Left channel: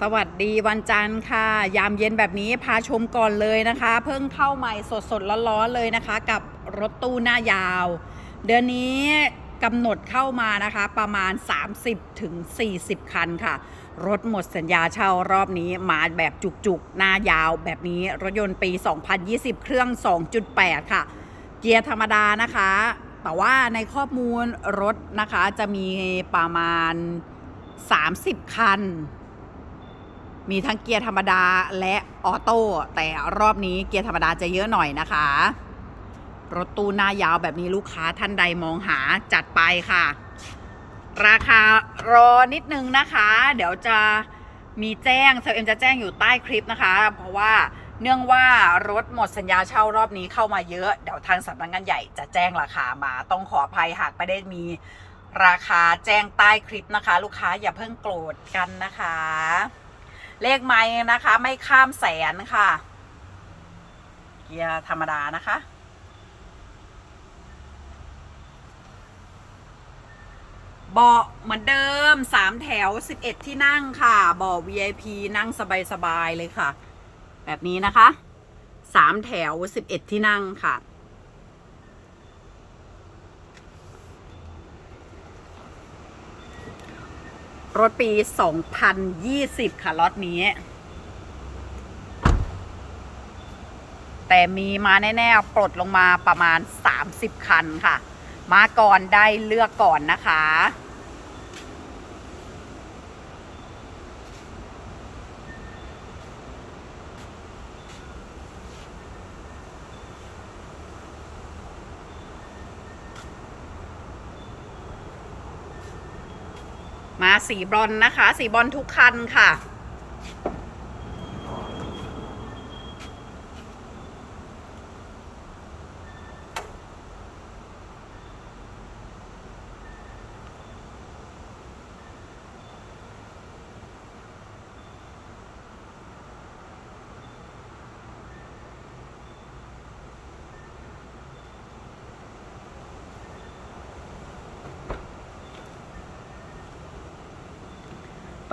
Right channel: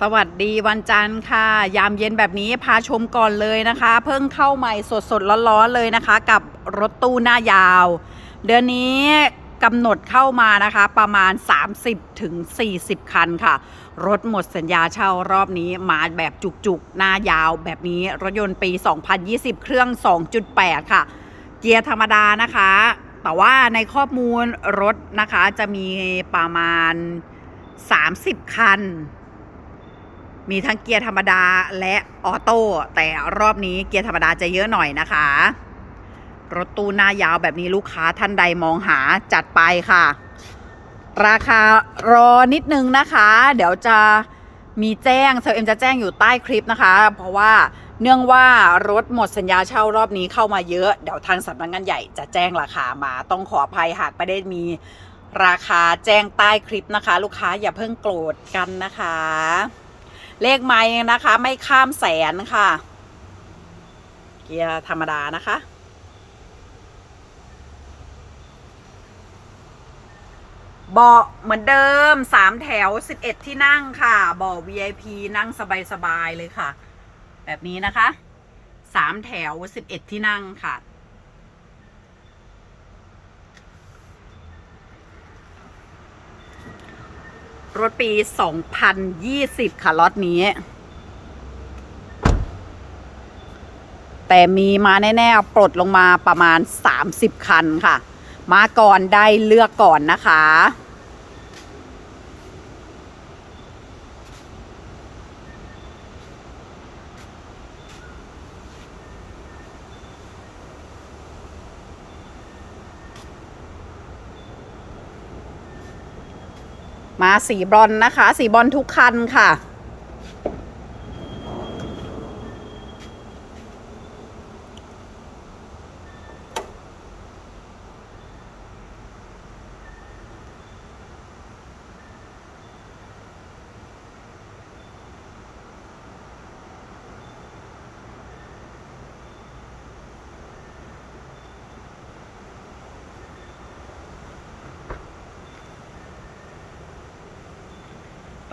สวัสดีวันจันทร์ค่ะ ยามเย็นแบบนี้พาชมก่อนเลยนะคะ เพิ่งเข้าใหม่สดๆร้อนๆเลยนะคะ กับรถตู้หน้ายาว เดือนนี้กำหนดเข้ามานะคะประมาณ30ถึงคันค่ะ รถหมดสัญญาเช่ารอบนี้มาแบบจุกๆ หน้ายาวแบบนี้รถยนต์ปี 2020 เครื่อง 2.8 ค่ะ เกียร์ธรรมดานะคะ แต่ว่าในข้อมูลรถนะคะจะมีประมาณ 30 คัน มีทั้งเกียร์ธรรมดาและออโต้แต่รอบนี้เกียร์ธรรมดาจะเยอะหน่อยนะคะ รถตู้หน้ายาวแบบนี้ลูกค้าท่านใดมองหาจัดไปค่ะ ราคารอนิดนึงนะคะ เดี๋ยวจะมีแจ้งเซลเอ็มจะแจ้งอยู่ใต้คลิปนะคะ เพราะว่าเนื่องว่ารถหมดสัญญาเช่ารอบนี้เข้ามาเยอะ เดี๋ยวทางสำนักงานใหญ่จะแจ้งราคามาต้องขออภัยหากไม่ได้มีราคาแจ้งใต้คลิปนะคะ ลูกค้าอย่าเพิ่งโกรธกันนะคะ เลขไม้นะคะ ไม่ข้ามแสนค่ะ เกียร์ธรรมดานะคะ เบาะเหมือนเดิม3แถว11ที่นั่งค่ะเบาะ VIP นั่งสบายๆเลยค่ะ แบบนี้นะคะ3แถว11ที่นั่งค่ะ รถปี 2020 ค่ะ รถนี้ แต่มีมาแน่ๆ ปลดลงมาประมาณ 30 คันค่ะ มาก่อนได้เลือกก่อนนะคะ มาสีบรอนนะคะ สีบรอนทุกคันค่ะ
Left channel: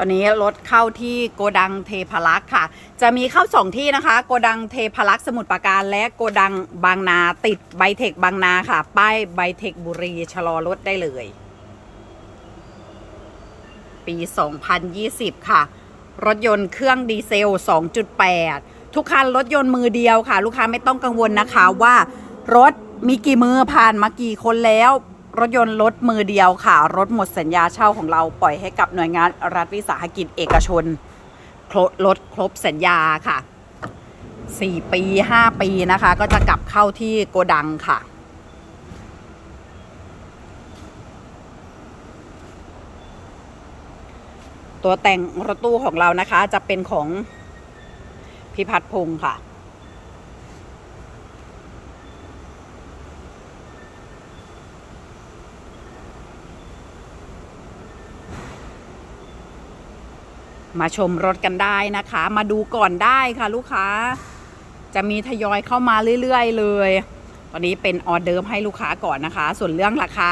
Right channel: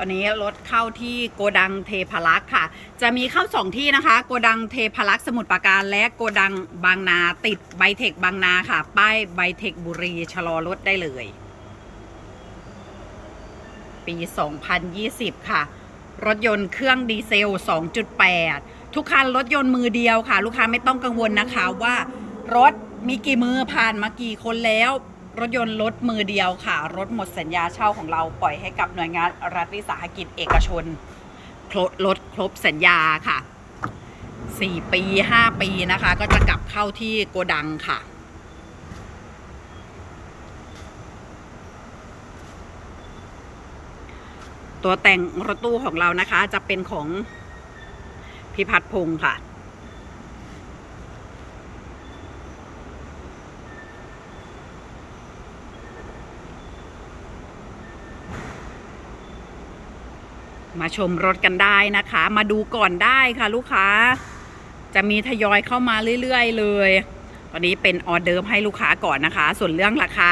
อนนี้รถเข้าที่โกดังเทพารักษ์ค่ะ จะมีเข้าสองที่นะคะ โกดังเทพารักษ์สมุทรปราการ และโกดังบางนาติดไบเทคบางนาค่ะ ป้ายไบเทคบุรีชะลอรถได้เลย ปี 2020 ค่ะ รถยนต์เครื่องดีเซล 2.8 ทุกคันรถยนต์มือเดียวค่ะ ลูกค้าไม่ต้องกังวลนะคะว่ารถมีกี่มือผ่านมากี่คนแล้ว รถยนต์รถมือเดียวค่ะ รถหมดสัญญาเช่าของเราปล่อยให้กับหน่วยงานรัฐวิสาหกิจเอกชนครบรถครบสัญญาค่ะ 4 ปี 5 ปีนะคะ ก็จะกลับเข้าที่โกดังค่ะ ตัวแต่งรถตู้ของเรานะคะจะเป็นของพิพัฒน์พงศ์ค่ะ มาชมรถกันได้นะคะ มาดูก่อนได้ค่ะลูกค้า จะมีทยอยเข้ามาเรื่อยๆ เลยตอนนี้เป็นออเดิร์ฟให้ลูกค้าก่อนนะคะ ส่วนเรื่องราคา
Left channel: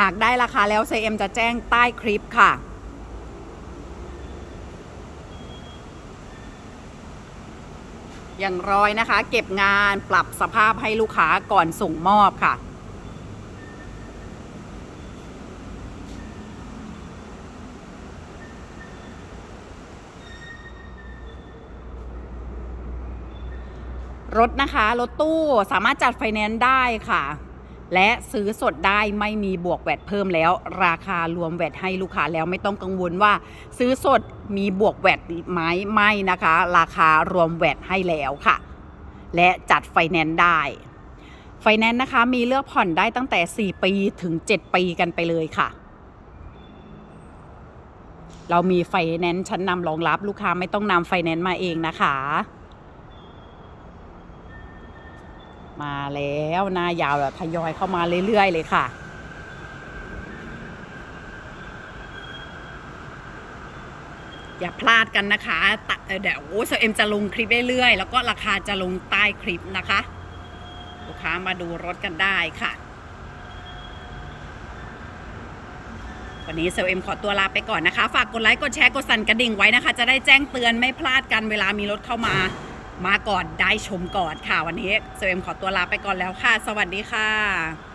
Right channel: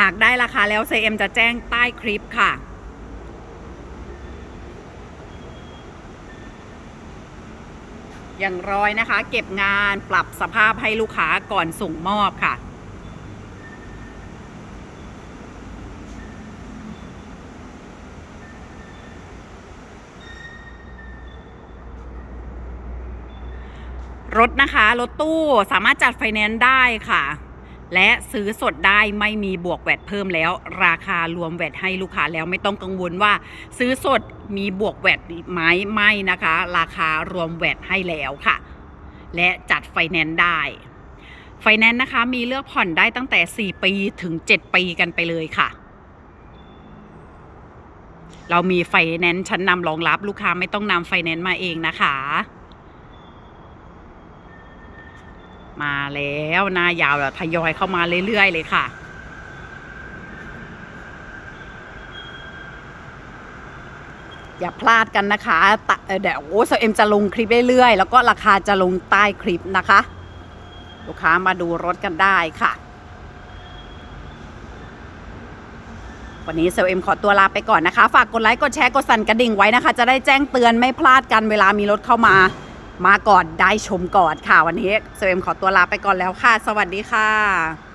หากได้ราคาแล้วเซเอ็มจะแจ้งใต้คลิปค่ะ อย่างร้อยนะคะ เก็บงานปรับสภาพให้ลูกค้าก่อนส่งมอบค่ะ รถนะคะรถตู้สามารถจัดไฟแนนซ์ได้ค่ะ และซื้อสดได้ไม่มีบวกแวดเพิ่มแล้ว ราคารวมแวดให้ลูกค้าแล้วไม่ต้องกังวลว่า ซื้อสดมีบวกแวดไหมไม่นะคะ ราคารวมแวดให้แล้วค่ะ และจัดไฟแนนซ์ได้ไฟแนนซ์นะคะมีเลือกผ่อนได้ตั้งแต่ 4 ปีถึง 7 ปีกันไปเลยค่ะ เรามีไฟแนนซ์ชั้นนำรองรับลูกค้าไม่ต้องนำไฟแนนซ์มาเองนะคะ มาแล้วหน้ายาวแล้วทยอยเข้ามาเรื่อย ๆ เลยค่ะ อย่าพลาดกันนะคะเดี๋ยวโอ้เอ็มจะลงคลิปเรื่อยๆ แล้วก็ราคาจะลงใต้คลิปนะคะ ลูกค้ามาดูรถกันได้ค่ะ วันนี้เซลเอ็มขอตัวลาไปก่อนนะคะ ฝากกดไลค์กดแชร์กดสั่นกระดิ่งไว้นะคะ จะได้แจ้งเตือนไม่พลาดกันเวลามีรถเข้ามา มาก่อนได้ชมก่อนค่ะวันนี้เซเอ็มขอตัวลาไปก่อนแล้วค่ะ สวัสดีค่ะ